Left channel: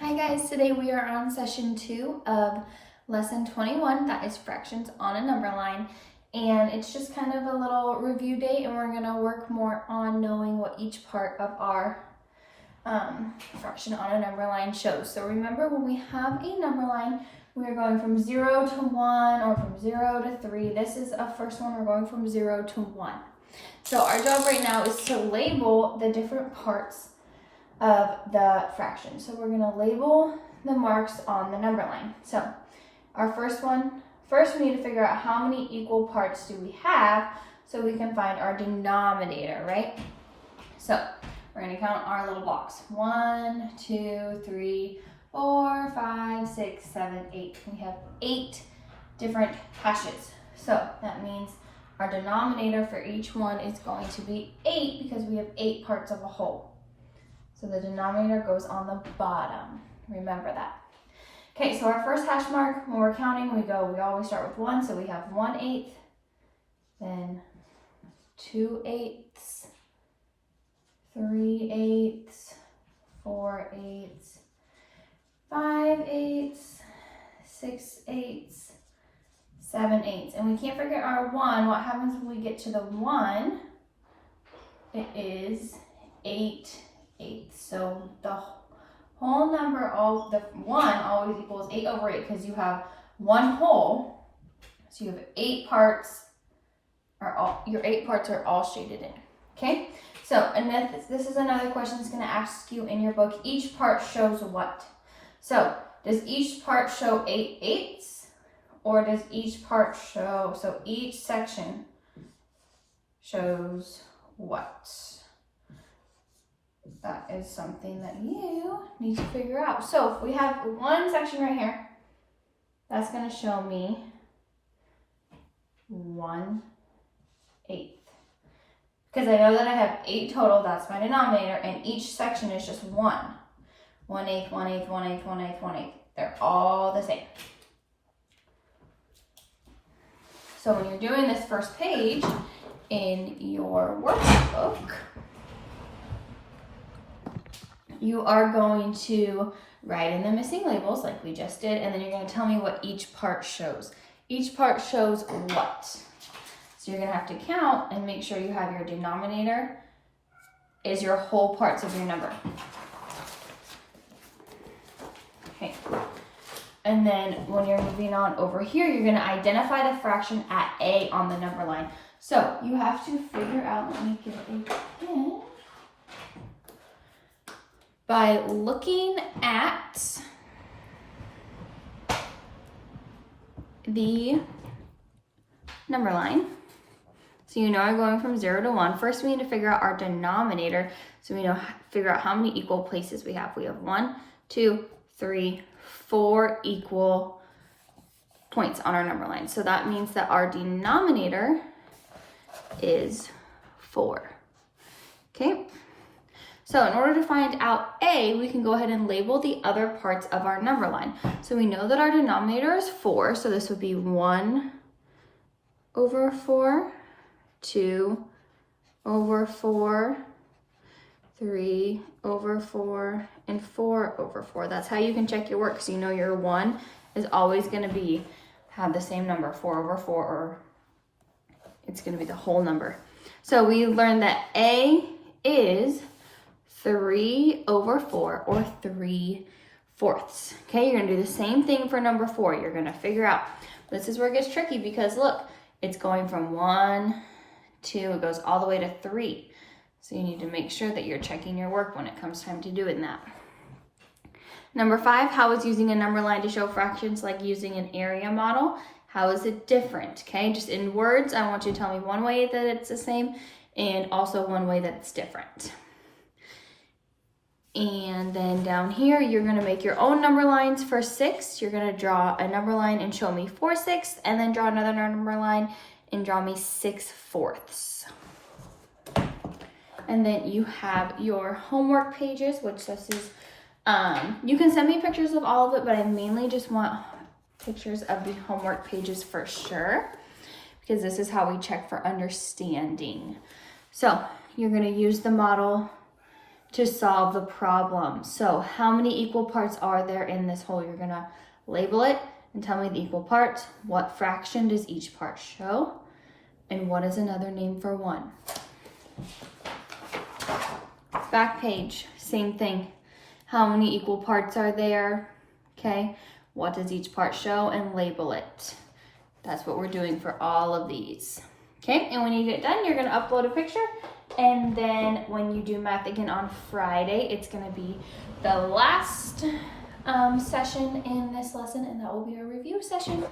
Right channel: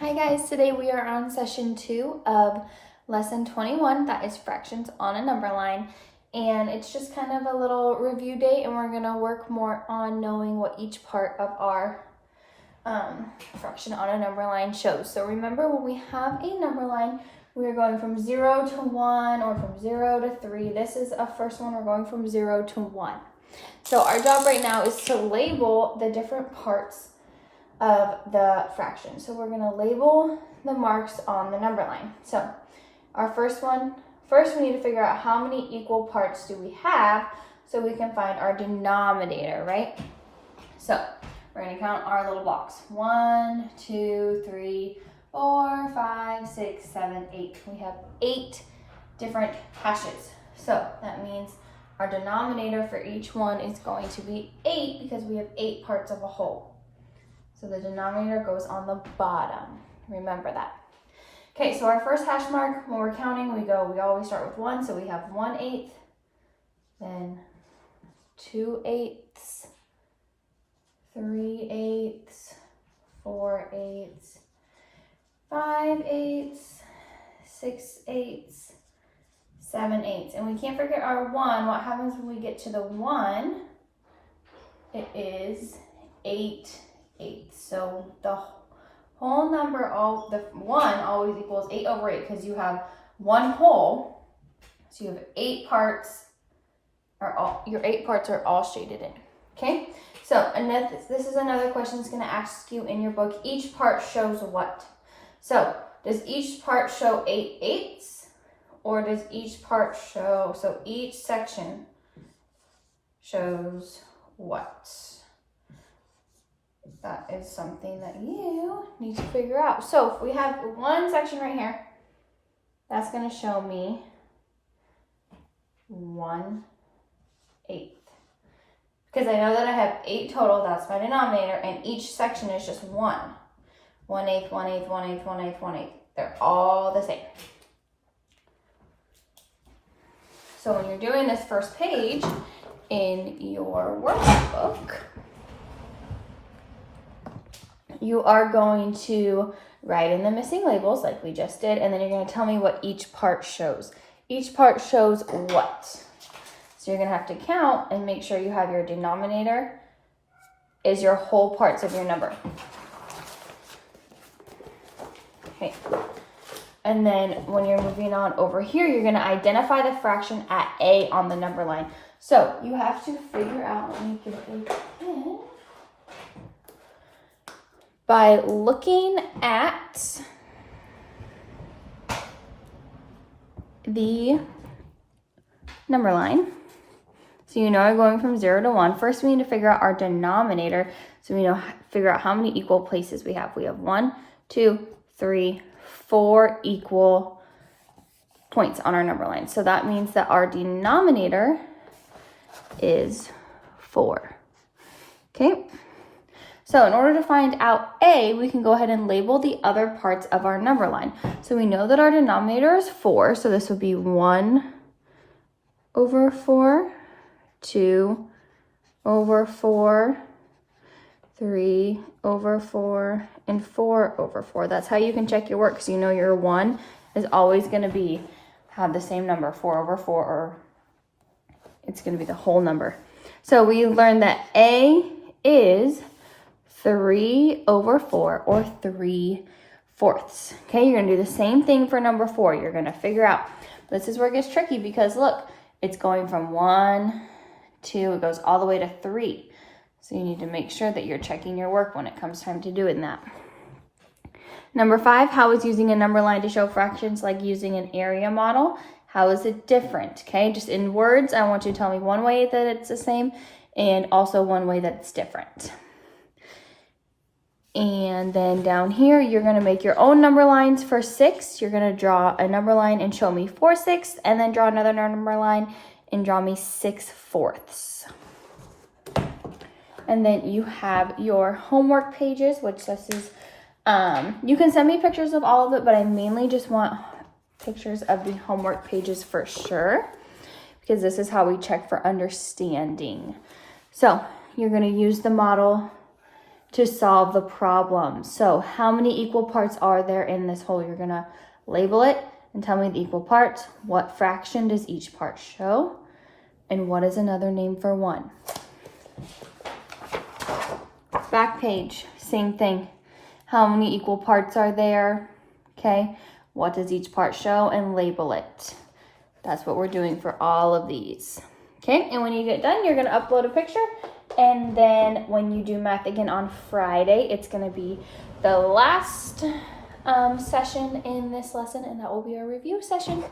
Hi guys, today we are on session 2 of lesson 21, that is fractions on a number line, and it's just kind of a little review day, and we're going to work more on knowing what each part of our fraction on a number line shows. So remember, when we have a number line, we are going from 0 to 1 or from 0 to 3. This is a first one, we're going from 0 to 1. So our job right now is to label the different parts of the fraction. So we're going to label the marks on the number line. So our first we need to figure out how many equal parts do we have so we can find our denominator, right? So we're going to count our little box. 1, 2, 3, 4, 5, 6, 7, 8. We have 8 different hashes. So that means our denominator for each one is going to be 8 because we have 8 parts of a whole. So the denominator goes on the bottom. Remember that. Okay, so our first hash mark, when we're counting, we always start with 1. So we have 1/8, then 2/8, 3/8, 4/8, 5/8, 6/8, 7/8. And we can't forget our 1. What happens when we get to the 1? It is 8/8. So the whole number, the 1 always equals 8/8 because you have one whole. So you have 8 parts, your 8 parts are all shaded in. Okay? So, and this is another question that's going to ask you in your book. Each part shows what? So, does each part show 8/8? Or does each part show, so each section shows what? That is something that you need to figure out. So if we have one section right here, that's going to show me 1/8. Because I know that I have 8 total, that's my denominator, and each section is just 1. 1/8, 1/8, 1/8, 1/8, 1/8. They're all the same. So when you're doing this first page in your workbook, you are going to write in the missing labels like we just did, and then you're going to tell me what each part shows. Each part shows what? So you're going to have to count and make sure you have your denominator is your whole parts of your number. Okay. And then when you're moving on over here, you're going to identify the fraction at A on the number line. So you have to figure out, let me get a pen. By looking at the number line, so you know I'm going from 0 to 1. First, we need to figure out our denominator, so we figure out how many equal places we have. We have 1, 2, 3, 4 equal points on our number line. So that means that our denominator is 4. Okay. So in order to find out A, we can go ahead and label the other parts of our number line. So we know that our denominator is 4, so this would be 1/4, 2/4, 3/4, and 4/4. That's how you can check your work, because you know your 1 is always going to have the same number, 4/4, or it's going to be the whole number. So we learned that A is 3/4 or 3/4. Okay, you're going to do the same thing for number 4. You're going to figure out. This is where it gets tricky because look, it's going from 1, 2, it goes all the way to 3. So you need to make sure that you're checking your work when it comes time to doing that. Number 5, how is using a number line to show fractions like using an area model? How is it different? Okay, just in words, I want you to tell me one way that it's the same and also one way that it's different. And then down here, you're going to make your own number lines for 6. You're going to draw a number line and show me 4/6, and then draw another number line and draw me 6/4. And then you have your homework pages, which this is, you can send me pictures of all of it, but I mainly just want pictures of the homework pages for sure, because this is how we check for understanding. So you're going to use the model to solve the problem. So how many equal parts are there in this whole? You're gonna label it and tell me the equal parts. What fraction does each part show? And what is another name for 1? Back page, same thing. How many equal parts are there? Okay, what does each part show? And label it. That's what we're doing for all of these. Okay, and when you get done, you're gonna upload a picture. And then when you do math again on Friday, it's gonna be the last session in this lesson, and that will be our review session.